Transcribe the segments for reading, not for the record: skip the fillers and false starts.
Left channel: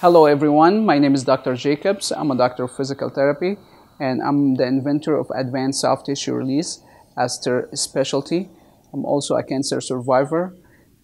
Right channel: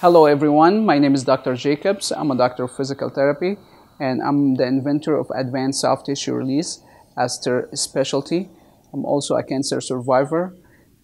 Hello everyone, my name is Dr. Jacobs. I'm a doctor of physical therapy and I'm the inventor of advanced soft tissue release ASTR specialty. I'm also a cancer survivor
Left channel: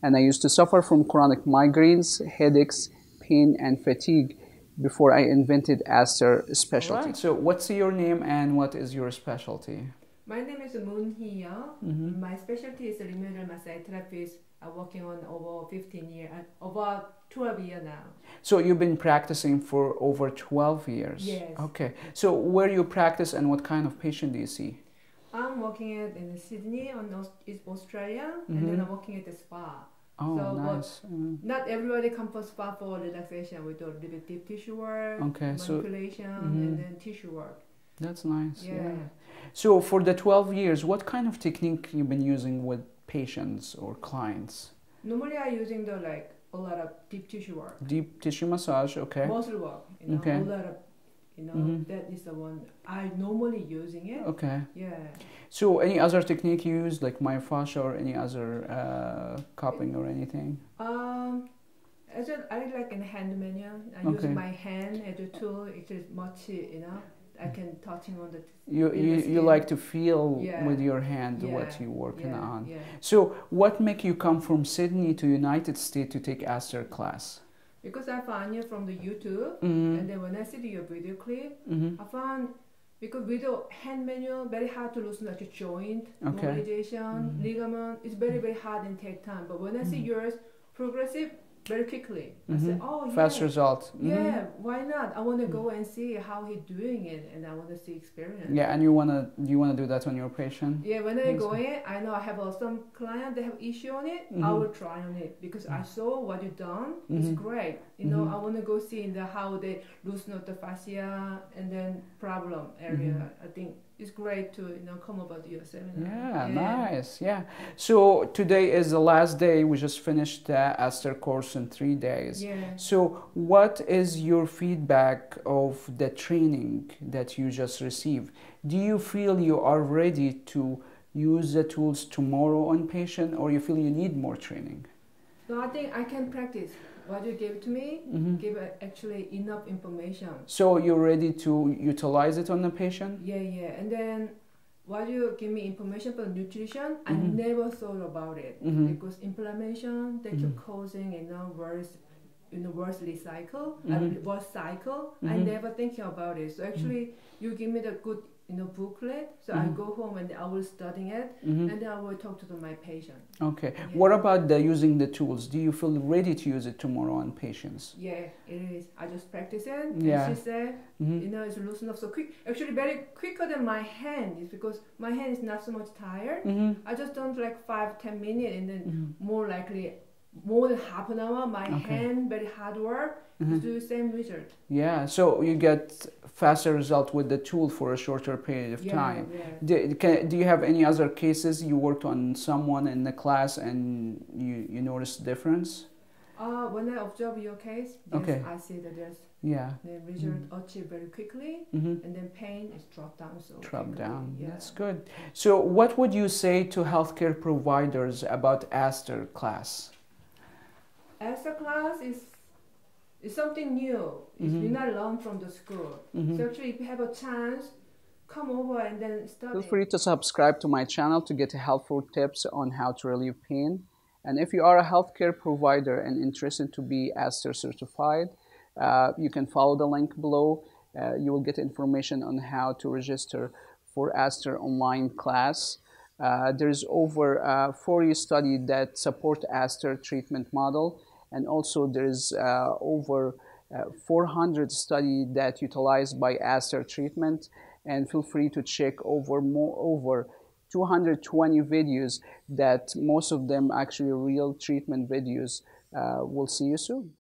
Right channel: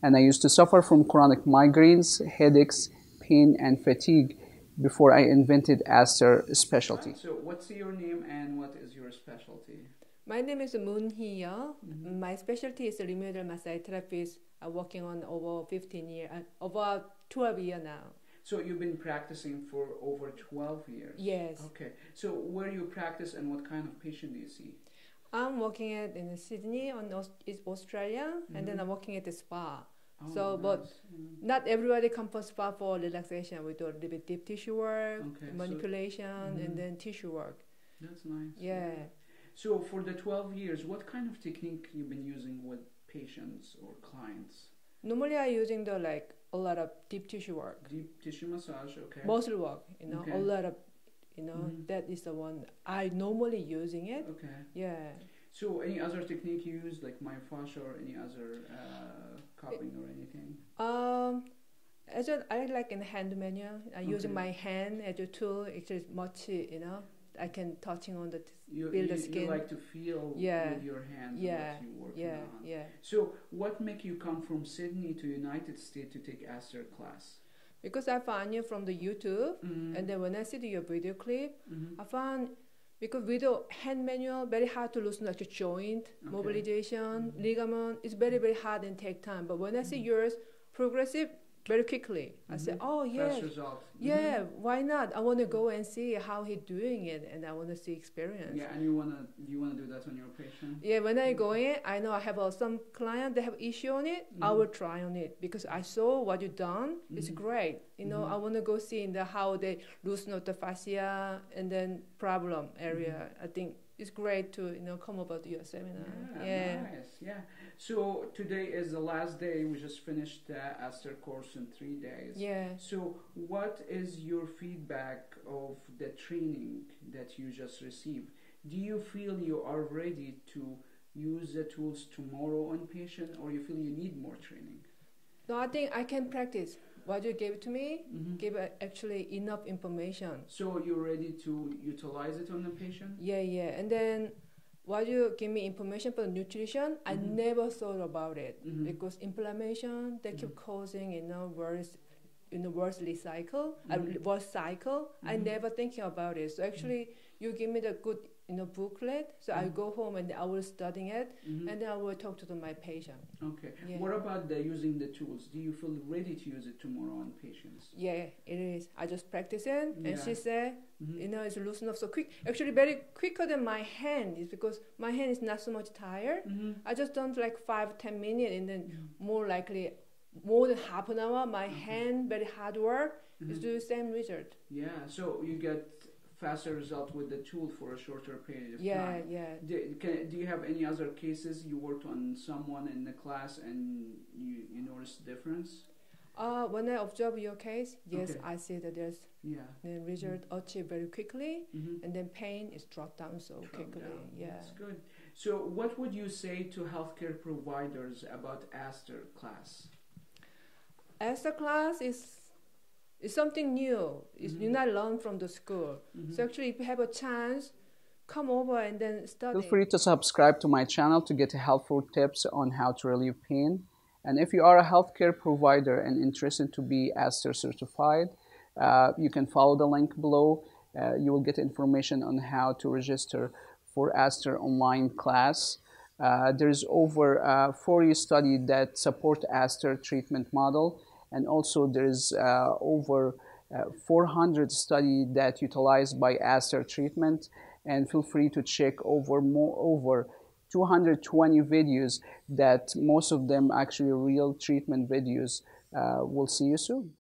and I used to suffer from chronic migraines, headaches, pain and fatigue before I invented ASTR specialty. Right, so what's your name and what is your specialty? My name is Moon-Hee Yeo. My specialty is rheumatoid massage therapist. I'm working on over 15 years, over 12 years now. So you've been practicing for over 12 years? Yes. Okay. So where you practice and what kind of patient do you see? I'm working in Sydney, Australia, and then I'm working at the spa. Oh, so, nice. But not everybody comes for spa for relaxation. We do a little bit deep tissue work, manipulation, and then tissue work. That's nice. Yeah. So for the 12 years, what kind of technique you've been using with patients or clients? Normally I'm using a lot of deep tissue work. Deep tissue massage, okay. Muscle work, okay. A lot of, that is the one I normally using it. Okay. Yeah. So any other technique you use, like myofascia or any other cupping or anything? I like in hand manual. I use my hand as a tool. It is much, I can touching on the you like to feel with your hand what you're working on. So what make you come from Sydney to United States to take ASTR class? Because I found you from the YouTube, and then when I see your video clip, I found because video hand manual very hard to loosen like a joint, mobilization, ligament. It's very hard and take time. But when I see yours progressive, very quickly. I said, oh yeah. Fast result. Yeah, why not? I want to go and see how he's doing it, and I want to see experience. Yeah, and you wanna do that on your patient? Yeah, when I go in, I know I have some client that have issue on it. I will try on it because I saw what you done. It's great. I want to go see how they loosen up the fascia and then problem area. I think it's great to come about your seminar. Yeah, nice. Yeah. So today is the last day. We just finished the ASTR course in 3 days. Yeah. So what is your feedback of the training that you just received? Do you feel you are ready to use the tools tomorrow on patient, or you feel you need more training? No, I think I can practice. What you gave to me gave actually enough information. So you're ready to utilize it on the patient? Yeah. And then what you give me information for nutrition, I never thought about it because inflammation that you're causing, worse cycle. I never thinking about it. So actually, you give me the good booklet, so I go home and I will study it, and then I will talk to my patient. Okay. Yeah. What about using the tools? Do you feel ready to use it tomorrow on patients? Yeah, it is. I just practice it, and she said, it's loosen up so quick. Actually, very quicker than my hand is because my hand is not so much tired. I just done like 5-10 minutes, and then more likely more than half an hour. My hand very hard work is do the same result. Yeah. So you get faster result with the tool for a shorter period of time. Yeah. Do you have any other cases you worked on someone in the class and you noticed difference? When I observe your case, yes, I see that there's the result achieved very quickly, and then pain is dropped down quickly. Yeah. That's good. So what would you say to healthcare providers about ASTR class? ASTR class is something new. You're not learning from the school. So actually, if you have a chance, come over and then study. Feel free to subscribe to my channel to get helpful tips on how to relieve pain. And if you are a healthcare provider and interested to be ASTR certified, you can follow the link below. You will get information on how to register for ASTR online class. There's over 40 studies that support ASTR treatment model. And also there's over 400 studies that utilize by ASTR treatment, and feel free to check over 220 videos that most of them actually real treatment videos. We'll see you soon.